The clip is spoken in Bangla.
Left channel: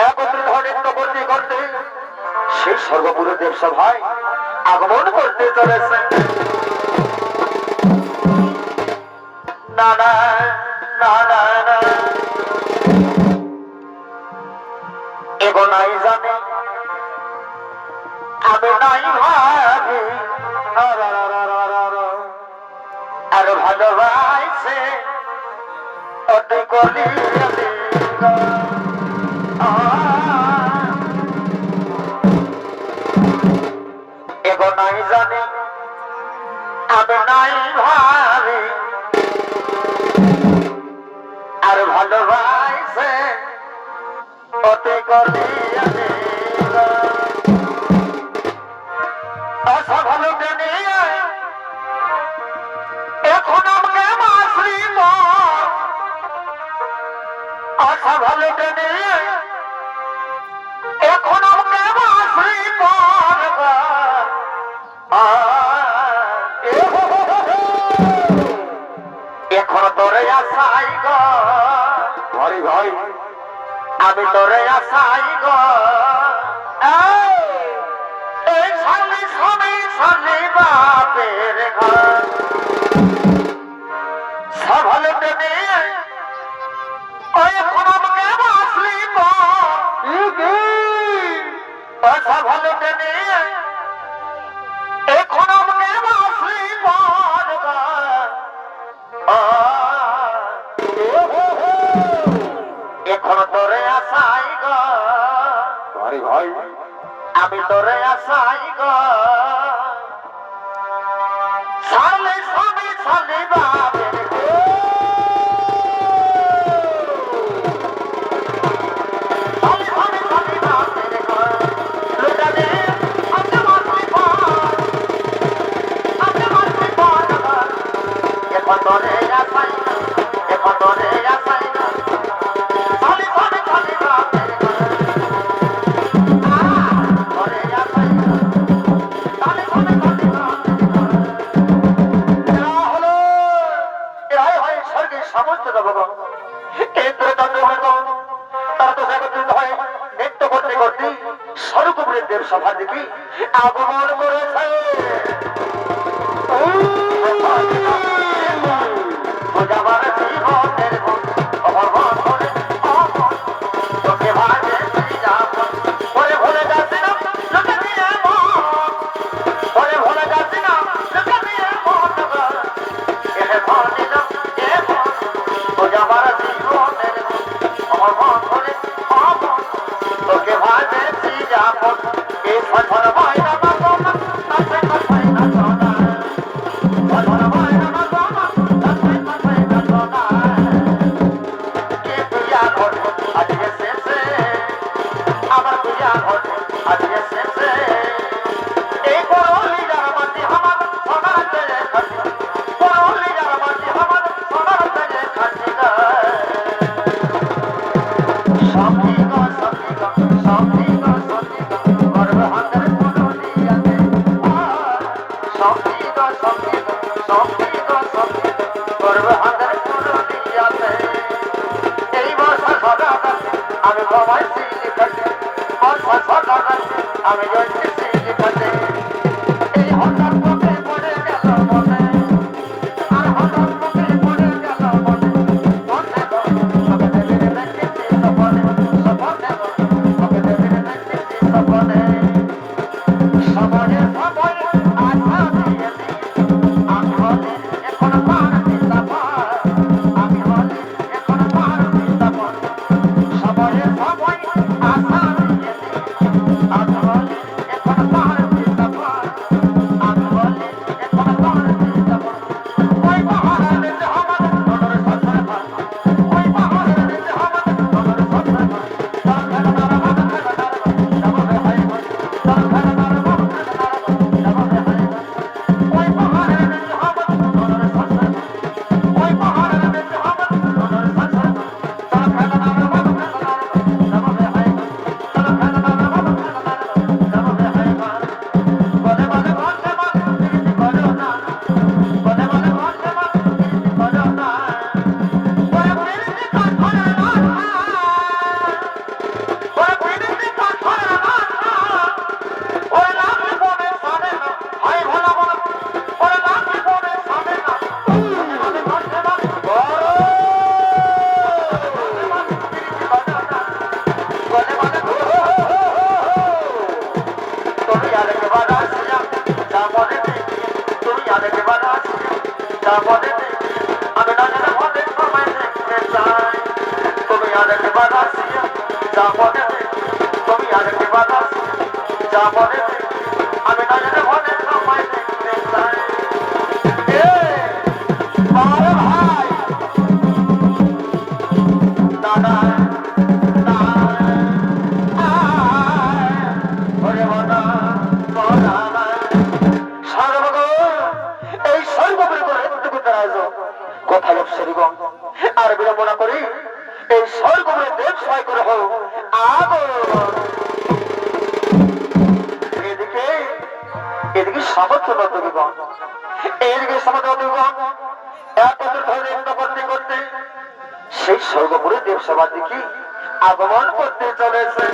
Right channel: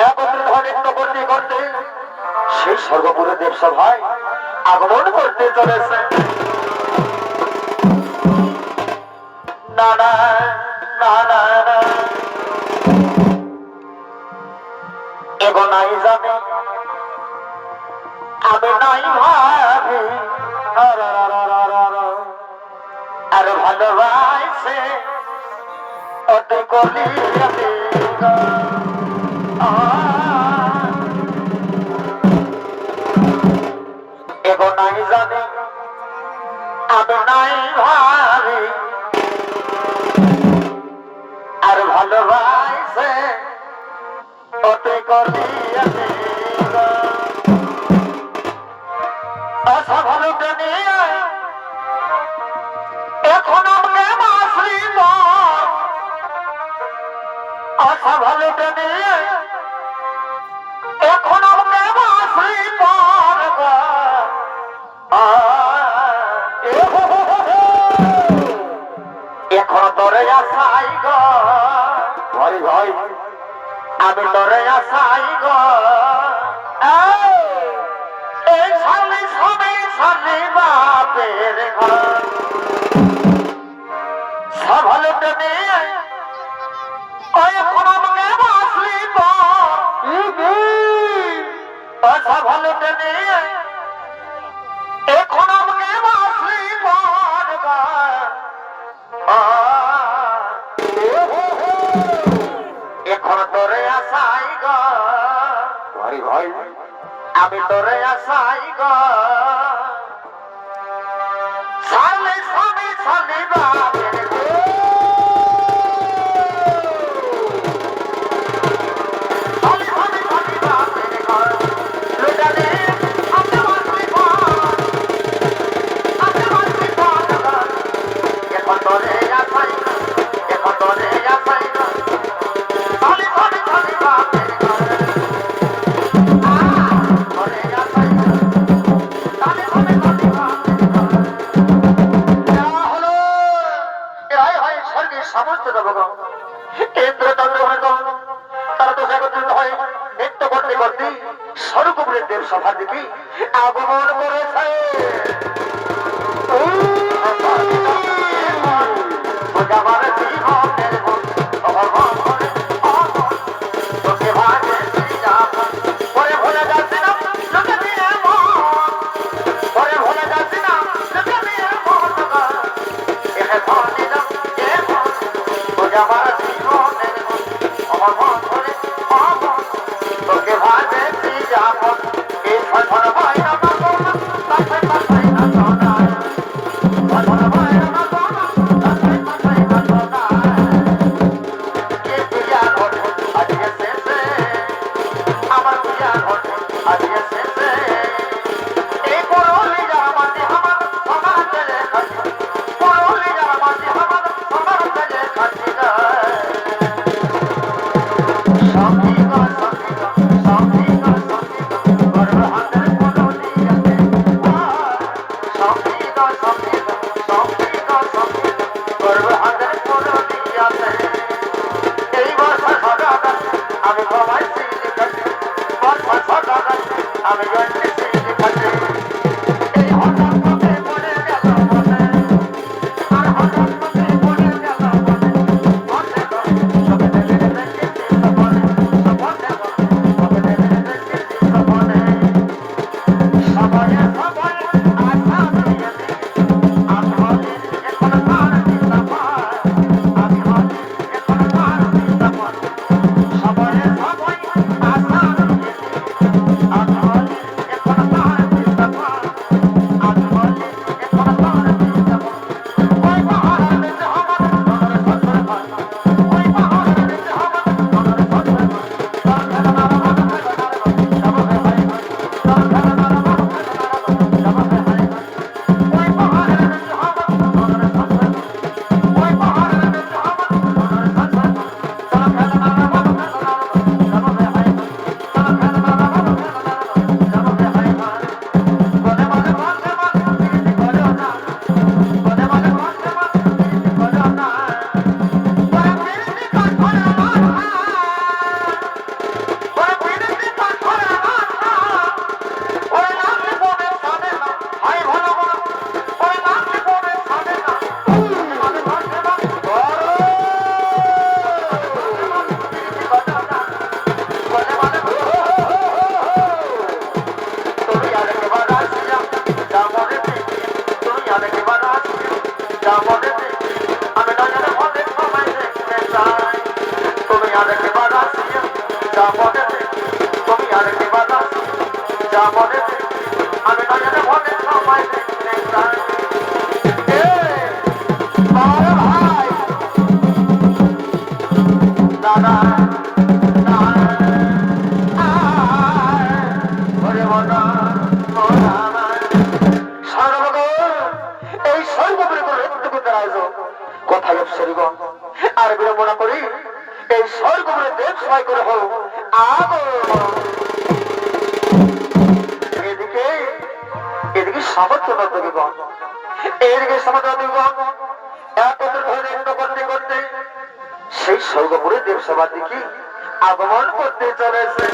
একত্রিত নৃত্য করতে করতে সেই সর্বপুরে দেবসভায় আগমন করতে চলেছে। না না না না না এগো নাই জানে আমি নাই ভাবি আর ভালোবাসে অতি কলি এগো নাই জানে আমি নাই ভাবি আর ভালোবাসে অতি কলি আশা ভালোকে নিয়ে এখন আমাকে মাসরি আশা ভালোকে নিয়ে এখন আমাকে মাসরি এখন তোরে আসাই গো ভাই ভাই আমি তোরে আসাই গো এই সালি সবই সালি বাপের ঘর সভালোকে নিয়ে ওই এখন আমাকে মাসলি সভালোকে নিয়ে এখন আমাকে মাসলি এখন তোরে আসাই গো ভাই ভাই আমি তোরে আসাই গো সালে সবই সালি বাপের এখন তোরে আসাই না এখন তোরে আসাই না সালি সবই সালি বাপের তোরে আসাই না সালি সবই সালি বাপের হলো এরাই হয় স্বর্গের সমস্ত দেবগণ ইন্দ্রচন্দ্রগণ তারা তো একত্রিত হয় নৃত্য করতে করতে স্বর্গপুরের দেব সভার দিকে আগমন করেছে। আমার জীবনের অমর করে অমর তোকে ভাগে পরে ভুলে যাচ্ছি না লোকে দিয়ে পরে ভুলে যাচ্ছি না লোকে দিয়ে এখন নিলাম আমার জীবনের অমর করে অমর তোকে ভাগে যাপন এই ফল ভাই না আমার পূজা ঘটে আজকে শেষে এই করলি যারা মাটি আমার সোনার তেলে খাটি করলি যারা মাটি আমার সোনার তেলে খাটি সখী গো সখী গো সখী গো সখী গো গর্ব হাতের করলি আছে সখী গো সখী গো সখী গো সখী গো গর্ব হাতের করলি আছে এই বছর সদা আমি ভবাই আমি এই হঠাৎ পড়ে গেল আর হঠাৎ পড়ে গেল যা বলে আমি নয়নে মনে তোমায় দেখতে চাই তুমি আরেকটি বাজাচ্ছি যা বলে তুমি আরেকটি বাজাচ্ছি যা বলে আমি নয়নে মনে তোমায় দেখতে চাই ভাই দাদা এই সর্বোপরি কোথায় অপসরিগণ আর বিড়ম্বনা করি এই সর্বোপরি দেব সহায় করে হোক আগমন এদিকে এদিকে সামর্থ্য নন্দীগণ এদিকে সামর্থ্য নন্দীগণ এতদিন ধরে নৃত্য করতে করতে সেই সর্বোপরি দেব সভা দেখি আগমন করতে চলেছে